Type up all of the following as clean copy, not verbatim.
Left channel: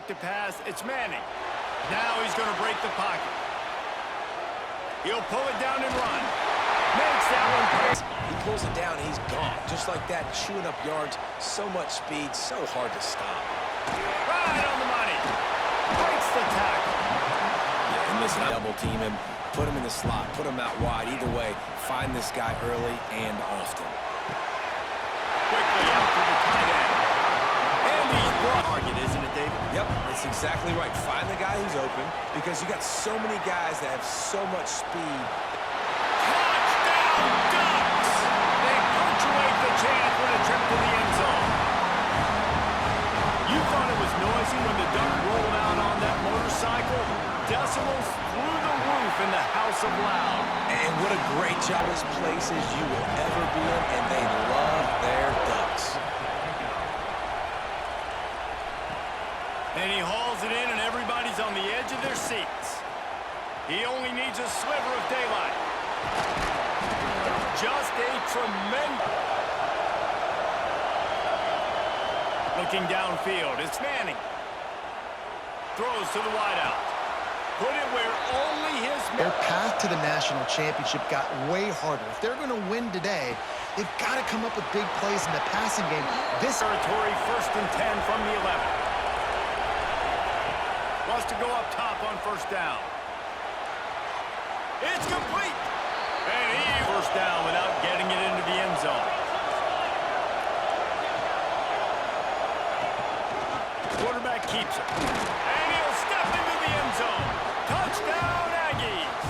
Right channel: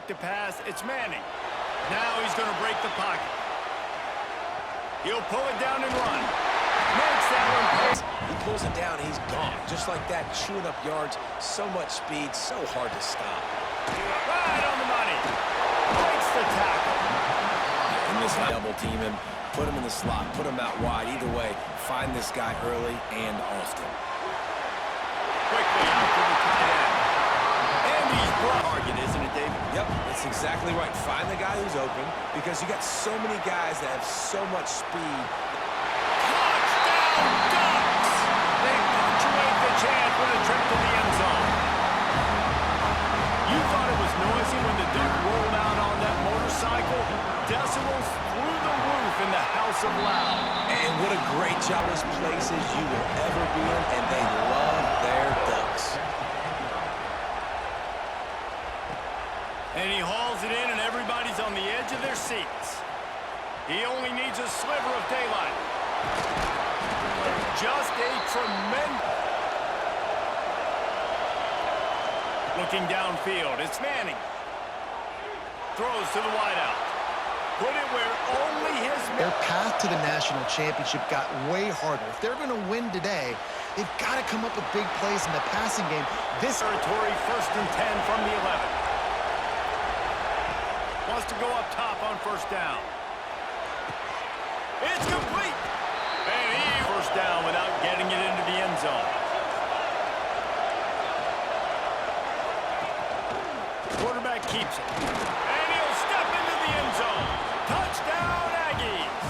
back to pass. It's Manning. Now he's going to break the pocket. He'll pull it down and run. Makes that one pay. He pulls it down and he's gone. Just like that, chewing up yards. So much speed, so hard to stop. Right on the money. Breaks the tackle. Yeah, and this double team him, put him in the slot, put him out wide. Either way, find this guy early and often. Quickly out to the tight end. And he's brought target, isn't it, David? Yep, that's exactly right. Find the guy who's open because you got so many guys that have so much speed. Touchdown, Ducks! They punctuate the chance with a trip to the end zone. You thought it was noisy when the Duck rolled out on that motorcycle? Decibels through the roof in the House of Loud. And what a great job this place is you will ever be in, and they love their Ducks. And he hauls it in, and everybody's on the edge of their seats. He only needs a sliver of daylight. Just a tremendous... Looking downfield, it's Manning. Throws to the wideout. Put it where only his... Their path to the national championship got way harder. If they're going to win today, they've got to come up with big plays in the passing game. This territory, 1st and 10 from the 11. Wants to go up top on 1st down. It's complete. And he first down without getting it into the end zone. Quarterback keeps it. And he'll step into the end zone. Touchdown, Aggies.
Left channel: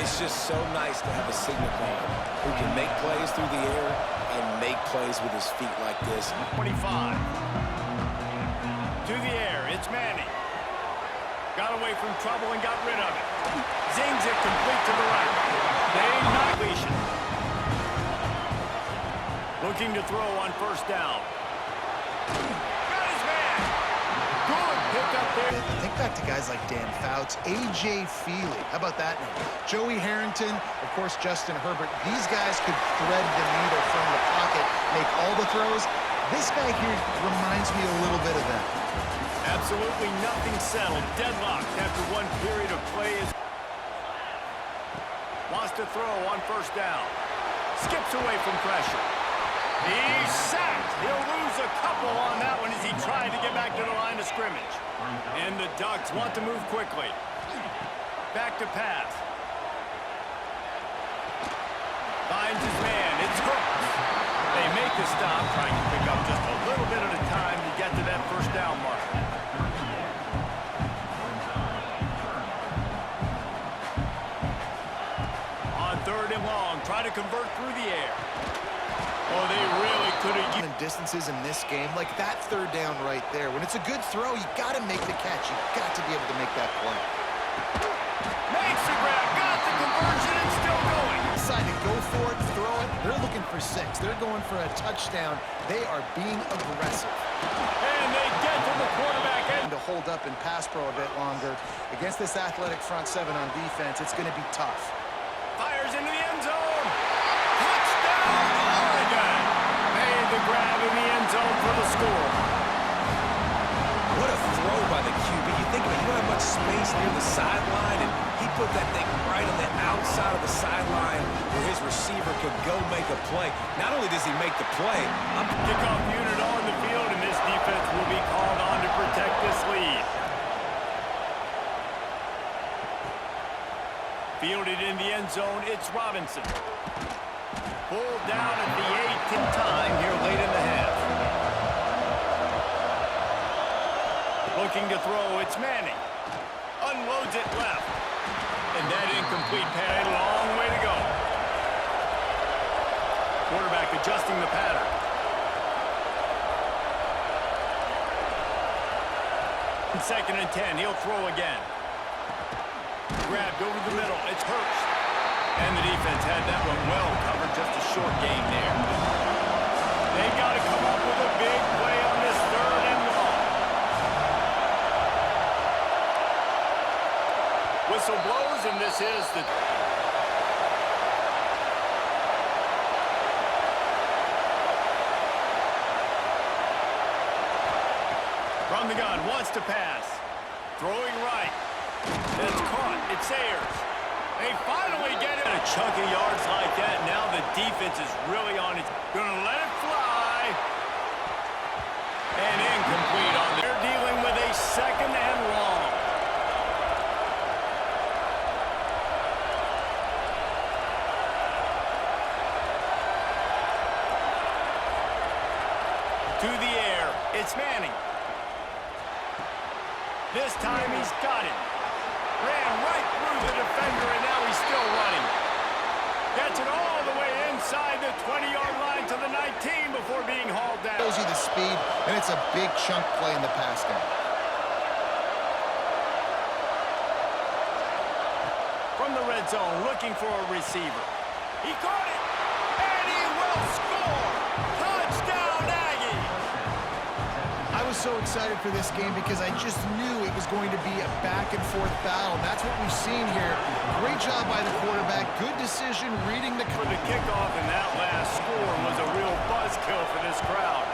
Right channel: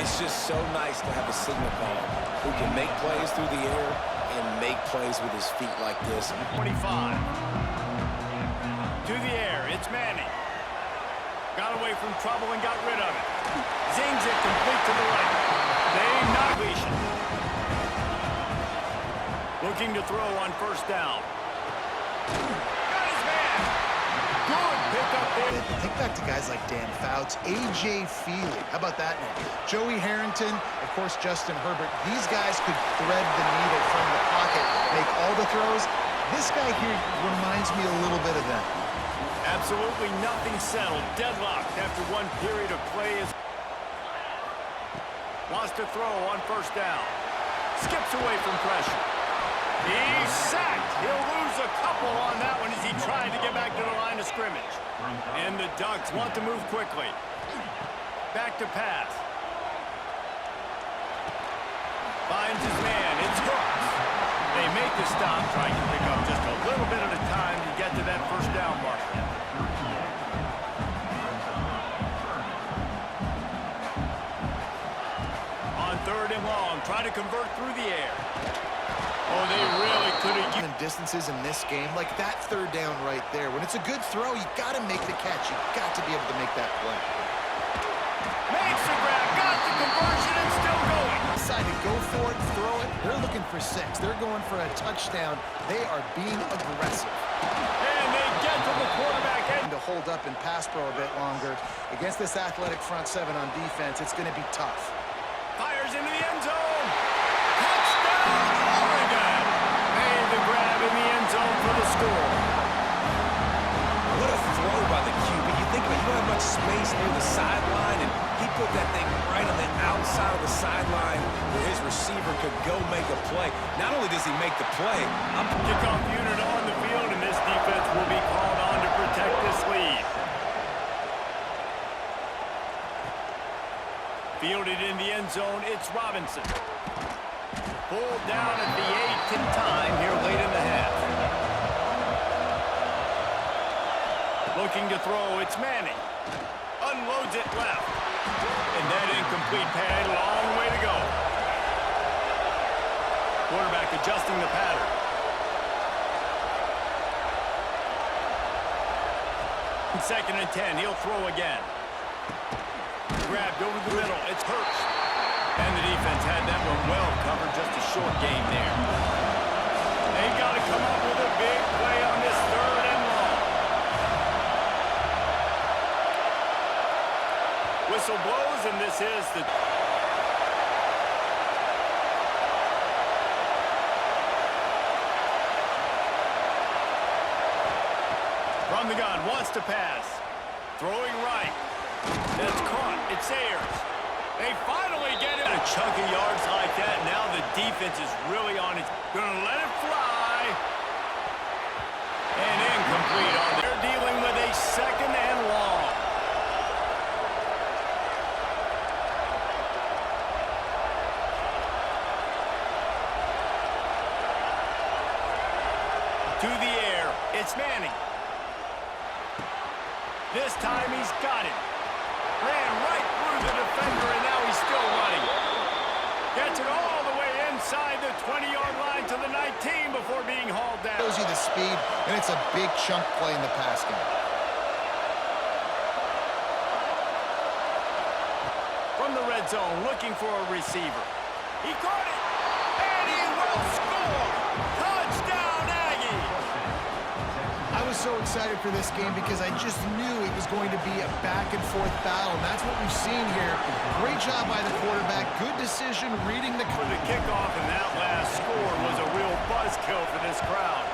It's just so nice to have a signal caller who can make plays through the air and make plays with his feet like this. 25. To the air, it's Manning. Got away from trouble and got rid of it. Zings it complete to the right. They knock lesion. Looking to throw on 1st down. Got his man. Good pick up there. Think back to guys like Dan Fouts, A.J. Feely. How about that name? Joey Harrington, of course, Justin Herbert. These guys could thread the needle from the pocket, make all the throws. This guy here reminds me a little bit of them. Absolutely nothing settled. Deadlocked after one period of play. Wants to throw on 1st down. Skips away from pressure. He's sacked. He'll lose a couple on that one as he tried to get back to the line of scrimmage. And the Ducks want to move quickly. Back to pass. Finds his man. It's hooked. They make the stop, trying to pick up just a little bit at a time to get to that 1st down marker. On 3rd and long, try to convert through the air. Oh, they really could have Even distances in this game, like that 3rd down right there. When it's a good throw, you got to make the catch. You got to be able to make that play. makes the grab, got the conversion, and still going. Decide to go for it, throw it. They're looking for 6. They're going for a touchdown. They are being aggressive. And they get to the quarterback end. To hold up and pass pro a bit longer. Against this athletic front 7 on defense, it's going to be tough. Fires into the end zone. Touchdown, Oregon. Made the grab in the end zone for the score. What a throw by the QB. You think about it, you don't have much space near the sideline, and he put that thing right on the outside of the sideline where his receiver could go make a play. Not only does he make the play, Kickoff unit on the field, and this defense will be called on to protect this lead. Fielded in the end zone, it's Robinson. Pulled down at the 8th time here late in the half. Looking to throw, it's Manning. Unloads it left. And that incomplete pass, long way to go. Quarterback adjusting the pattern. In 2nd and 10, he'll throw again. Grabbed over the middle, it's Hurst. And the defense had that one well covered, just a short game there. They got to come up with a big play on this 3rd and long. Whistle blows, and this is the... From From the gun, wants to pass. Throwing right. It's caught. It's Ayers. They finally get it. A chunk of yards like that. Now the defense is really on it. Gonna let it fly. And incomplete on there. They're dealing with a second and long. To the air. It's Manning. This time he's got it. Ran right through the defender, and now he's still running. Gets it all the way inside the 20-yard line to the 19 before being hauled down. Shows you the speed, and it's a big chunk play in the pass game. From the red zone, looking for a receiver. He caught it, and he will score. Touchdown, Aggies. I was so excited for this game because I just knew it was going to be a back-and-forth battle, and that's what we've seen here. Great job by the quarterback. Good decision reading the... For the kickoff, and that last score was a real buzzkill for this crowd.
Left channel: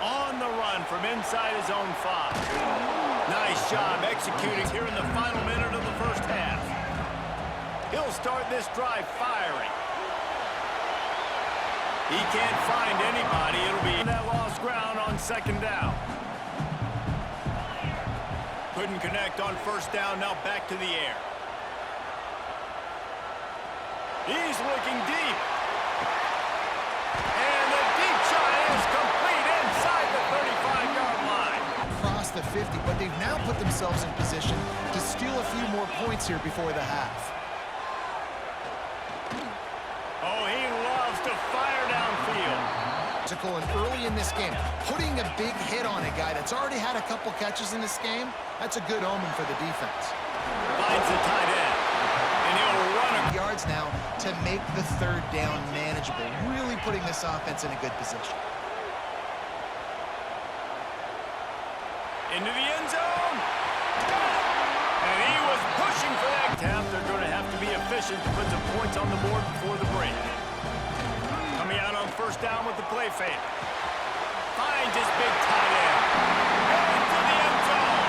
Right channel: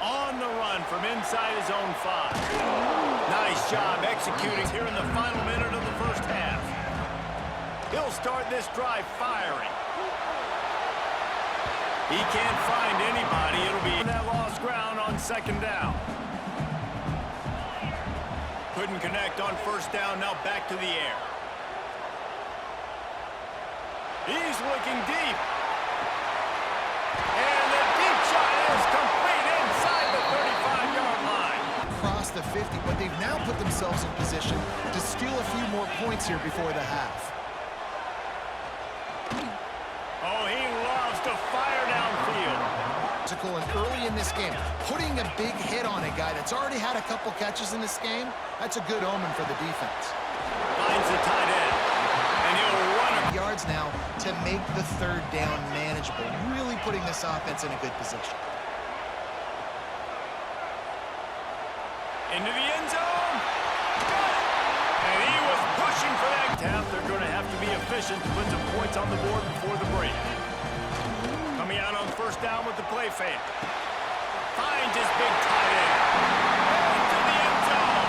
On the run from inside his own 5. Nice job executing here in the final minute of the first half. He'll start this drive firing. He can't find anybody. It'll be that lost ground on second down. Couldn't connect on first down. Now back to the air. He's looking deep. And the deep shot is complete inside the 35-yard line. Across the 50, but they've now put themselves in position to steal a few more points here before the half. Oh, he loves to fire downfield. And early in this game, putting a big hit on a guy that's already had a couple catches in this game, that's a good omen for the defense. Finds the tight end, and he'll run yards now to make the third down manageable, really putting this offense in a good position. Into the end zone. Got it. And he was pushing for that tap. They're going to have to be efficient to put some points on the board before the break. Coming out on first down with the play fake. Finds his big tight end. Into the end zone.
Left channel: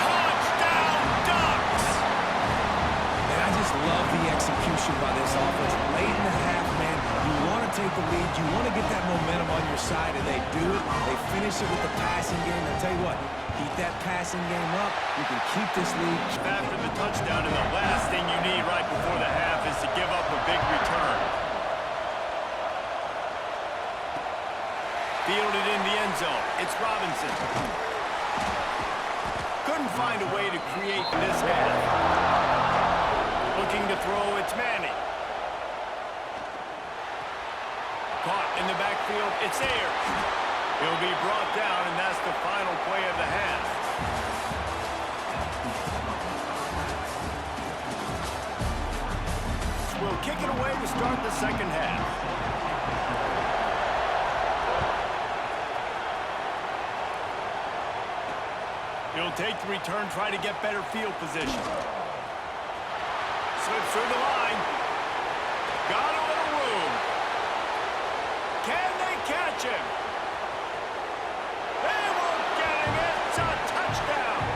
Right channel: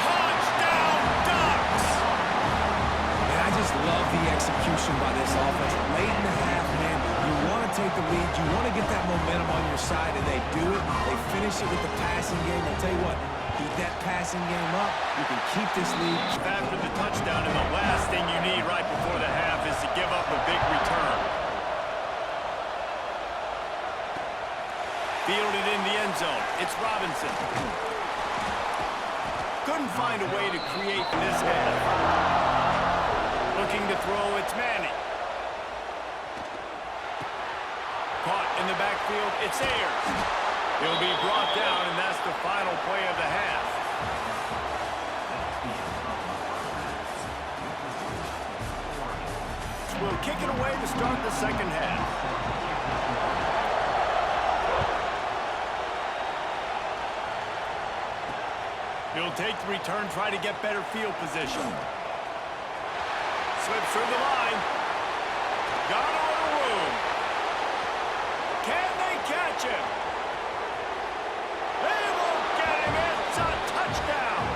Touchdown, Ducks! Man, I just love the execution by this offense. Late in the half, man, you want to take the lead. You want to get that momentum on your side, and they do it. They finish it with the passing game. I'll tell you what, keep that passing game up. You can keep this lead. After the touchdown, and the last thing you need right before the half is to give up a big return. Fielded in the end zone. It's Robinson. Couldn't find a way to create this half. Looking to throw, it's Manning. Caught in the backfield, it's Ayers. He'll be brought down, and that's the final play of the half. We'll kick it away to start the second half. He'll take the return, try to get better field position. Slips through the line. Got a little room. Can they catch him? They won't get him. It's a touchdown.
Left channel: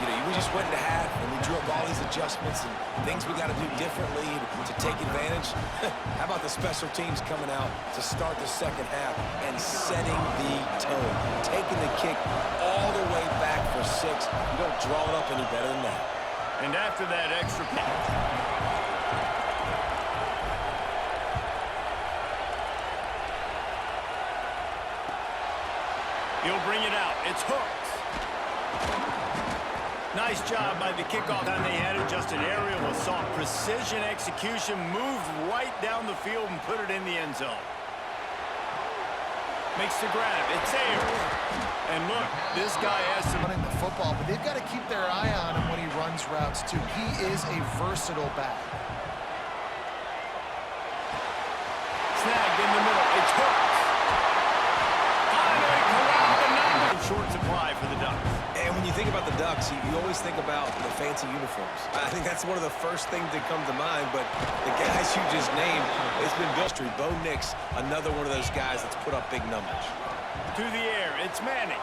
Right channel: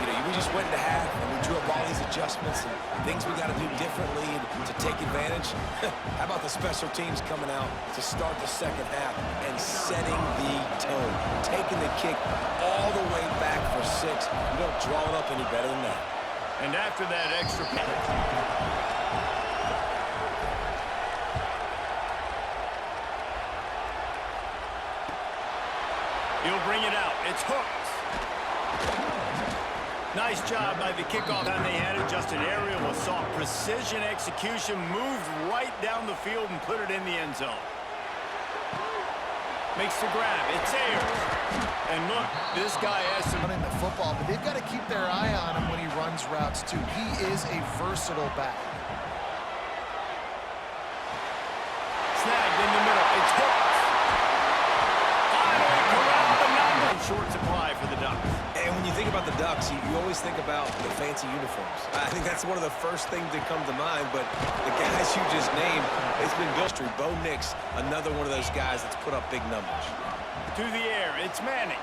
You know, we just went into half, and we drew up all these adjustments and things we got to do differently to take advantage. How about the special teams coming out to start the second half and setting the tone, taking the kick all the way back for 6. You don't draw it up any better than that. And after that extra pass. He'll bring it out. It's Hooks. Nice job by the kickoff. Time they had it, just an aerial assault. Precision execution, moved right down the field and put it in the end zone. Makes the grab. It's Ayers. And look, this guy has some... running the football, but they've got to keep their eye on him when he runs routes, too. He is a versatile back. Snagged in the middle. It's Hooks. Finally corralled, but not in short supply for the Ducks. And when you think about the Ducks, you always think about the fancy uniforms. I think that's one of the first things that come to mind, but the guys you just named, it's been built. Bo Nix, another one of those guys that's put up big numbers. To the air, it's Manning.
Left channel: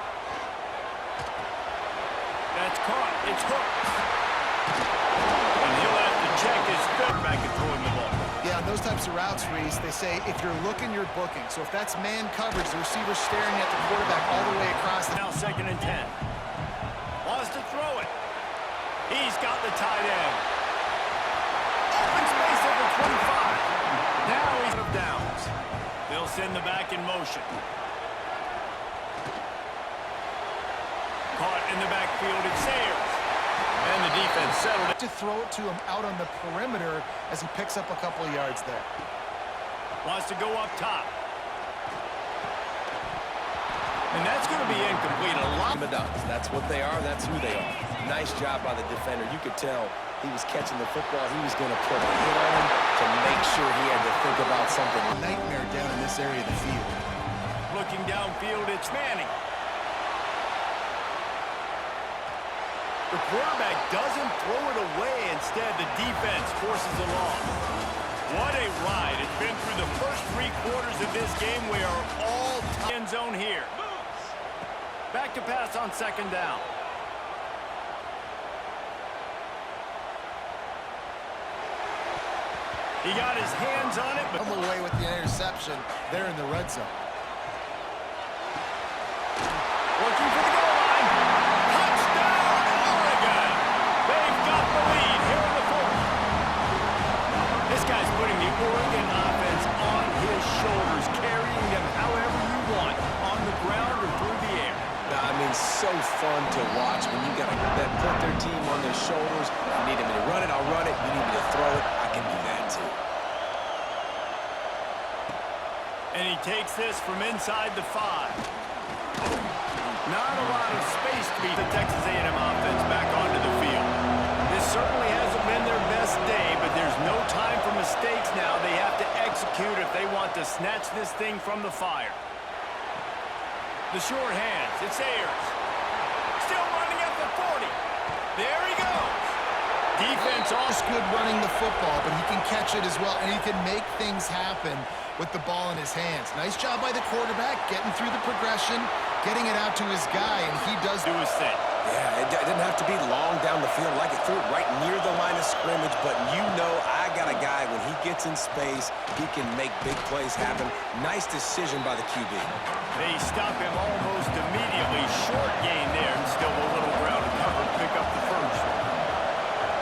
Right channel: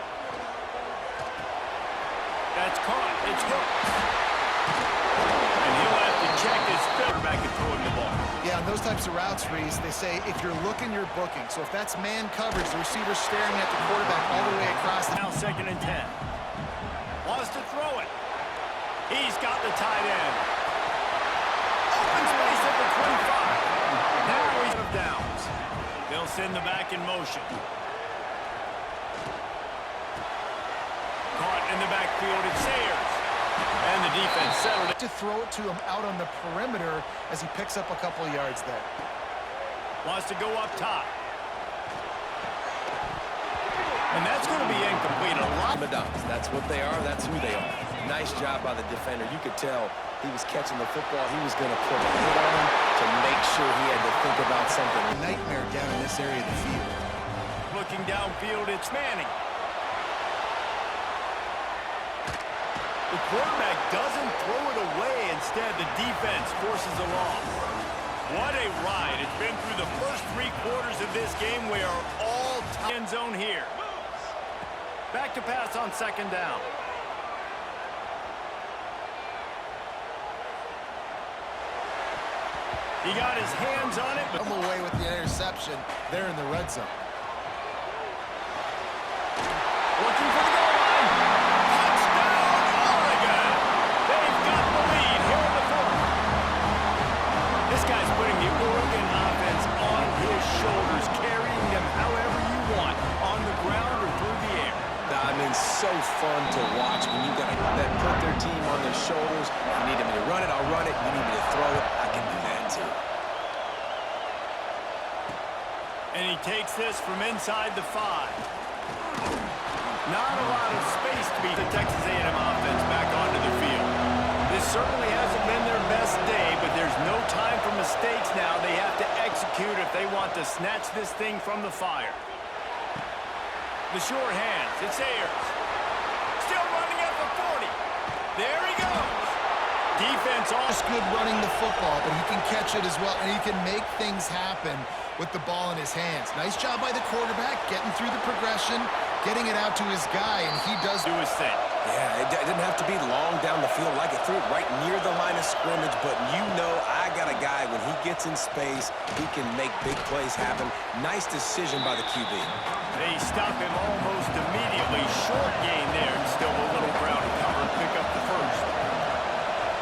That's caught, it's hooked. And he'll have to check his quarterback and throw him the ball. Yeah, on those types of routes, Reese, they say if you're looking, you're booking. So if that's man coverage, the receiver's staring at the quarterback all the way across. Now 2nd and 10. Wants to throw it. He's got the tight end. Open space at the 25. Now he's out of downs. They'll send the back in motion. Caught in the backfield, it's Sayers. And the defense settled it. To throw it to him out on the perimeter as he picks up a couple of yards there. Wants to go up top. And that's going to be incomplete. A lot. Madonnas, that's what they are. That's who they are. Nice job by the defender. You could tell he was catching the football. He was going to put a hit on him to make sure he had to think about something. Nightmare down in this area of the field. Looking downfield, it's Manning. The quarterback doesn't throw it away. Instead, the defense forces a loss. What a ride. It's been through the first 3 quarters of this game. We are all end zone here. Back to pass on 2nd down. He got his hands on it, but Come away with the interception there in the red zone. looking for the goal line. Touchdown, Oregon! They've got the lead here in the 4th. This guy's putting the Oregon offense on his shoulders, carrying them however you want, on the ground or through the air. I mean, so fun to watch when you got that put their team on their shoulders. If you need me to run it, I'll run it. You need me to throw it, I can do that too. And he takes this from inside the 5. Not a lot of space to beat the Texas A&M offense back onto the field. This certainly hasn't been their best day, but there's no time for mistakes now. They have to execute if they want to snatch this thing from the fire. The short hands, it's Ayers. Still running at the 40. There he goes. Defense Just good running the football, but he can catch it as well, and he can make things happen with the ball in his hands. Nice job by the quarterback, getting through the progression, getting it out to his guy, and he does do his thing. Yeah, it didn't have to be long down the field. Like it threw it right near the line of scrimmage, but you know I got a guy, when he gets in space, he can make big plays happen. Nice decision by the QB. They stop him almost immediately. Short gain there, and still a little ground to cover and pick up the 1st.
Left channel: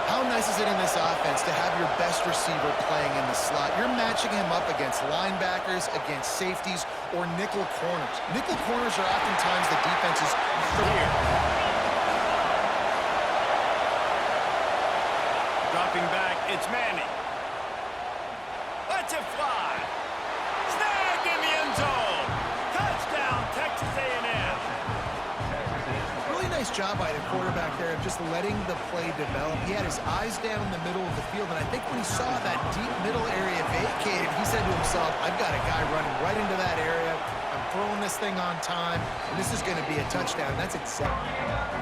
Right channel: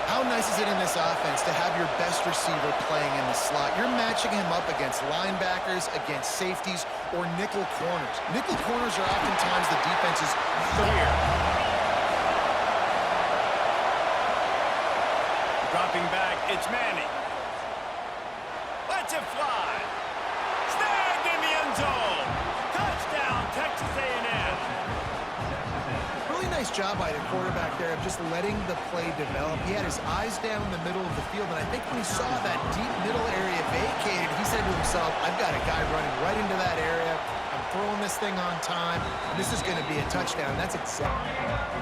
How nice is it in this offense to have your best receiver playing in the slot? You're matching him up against linebackers, against safeties, or nickel corners. Nickel corners are oftentimes the defense's here. Dropping back, it's Manning. Lets it fly. Snagged in the end zone. Touchdown, Texas A&M. Really nice job by the quarterback there of just letting the play develop. He had his eyes down in the middle of the field, and I think when he saw that deep middle area vacated, he said to himself, I've got a guy running right into that area. I'm throwing this thing on time, and this is going to be a touchdown. That's exactly.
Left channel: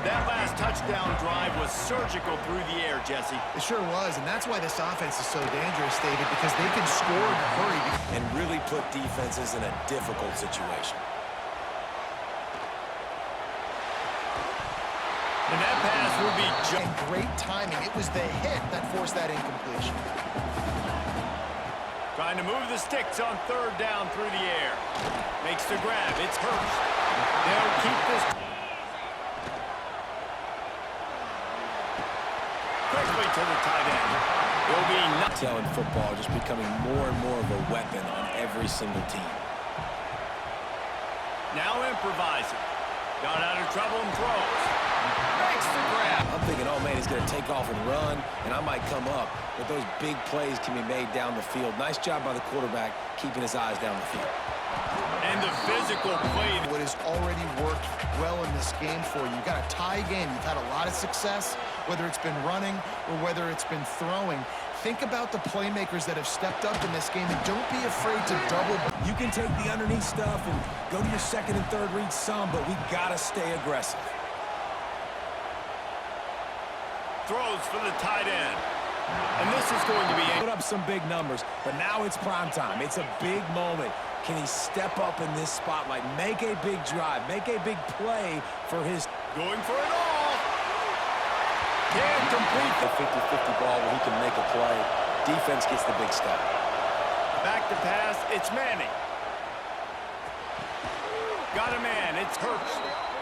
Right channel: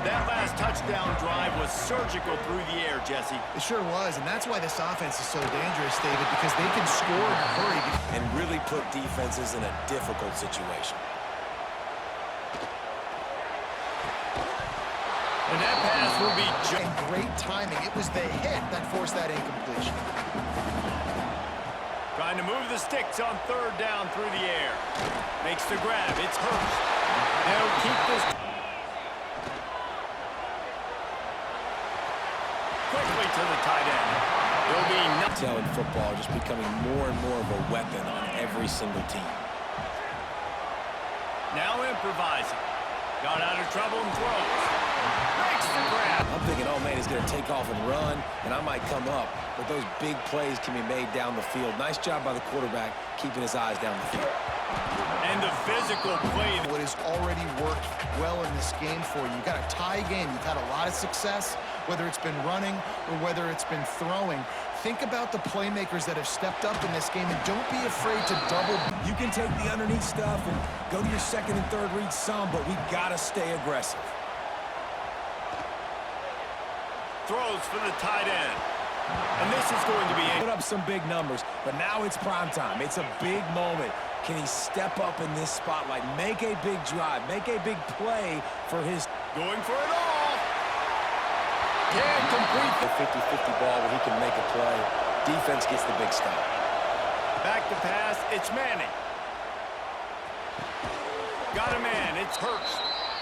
That last touchdown drive was surgical through the air, Jesse. It sure was, and that's why this offense is so dangerous, David, because they can score in a hurry. And really put defenses in a difficult situation. And that pass will be And great timing. It was the hit that forced that incompletion. trying to move the sticks on 3rd down through the air. Makes the grab. It's Hurst. They'll keep this quickly to the tight end. It'll be Tail in football just becoming more and more of a weapon on every single team. now improvising. Got out of trouble and throws. Makes the grab. I'm thinking, oh, man, he's going to take off and run, and I might come up. But those big plays can be made down the field. Nice job by the quarterback keeping his eyes down the field. And the physical play. What has already worked well in this game for you. You've got a tie game. You've had a lot of success, whether it's been running or whether it's been throwing. Think about the playmakers that have stepped up in this game, and don't be afraid to double. You can take the underneath stuff and go to your second and third read some, but we got to stay aggressive. Throws for the tight end. And this is going to be Put up some big numbers, but now it's prime time. It's a big moment. Can he step up in this spotlight, make a big drive, make a big play for his... going for it all. Can't complete The 50-50 ball where he can make a play. Defense gets the big stop. Back to pass. It's Manning. Got a man. It's Hurst.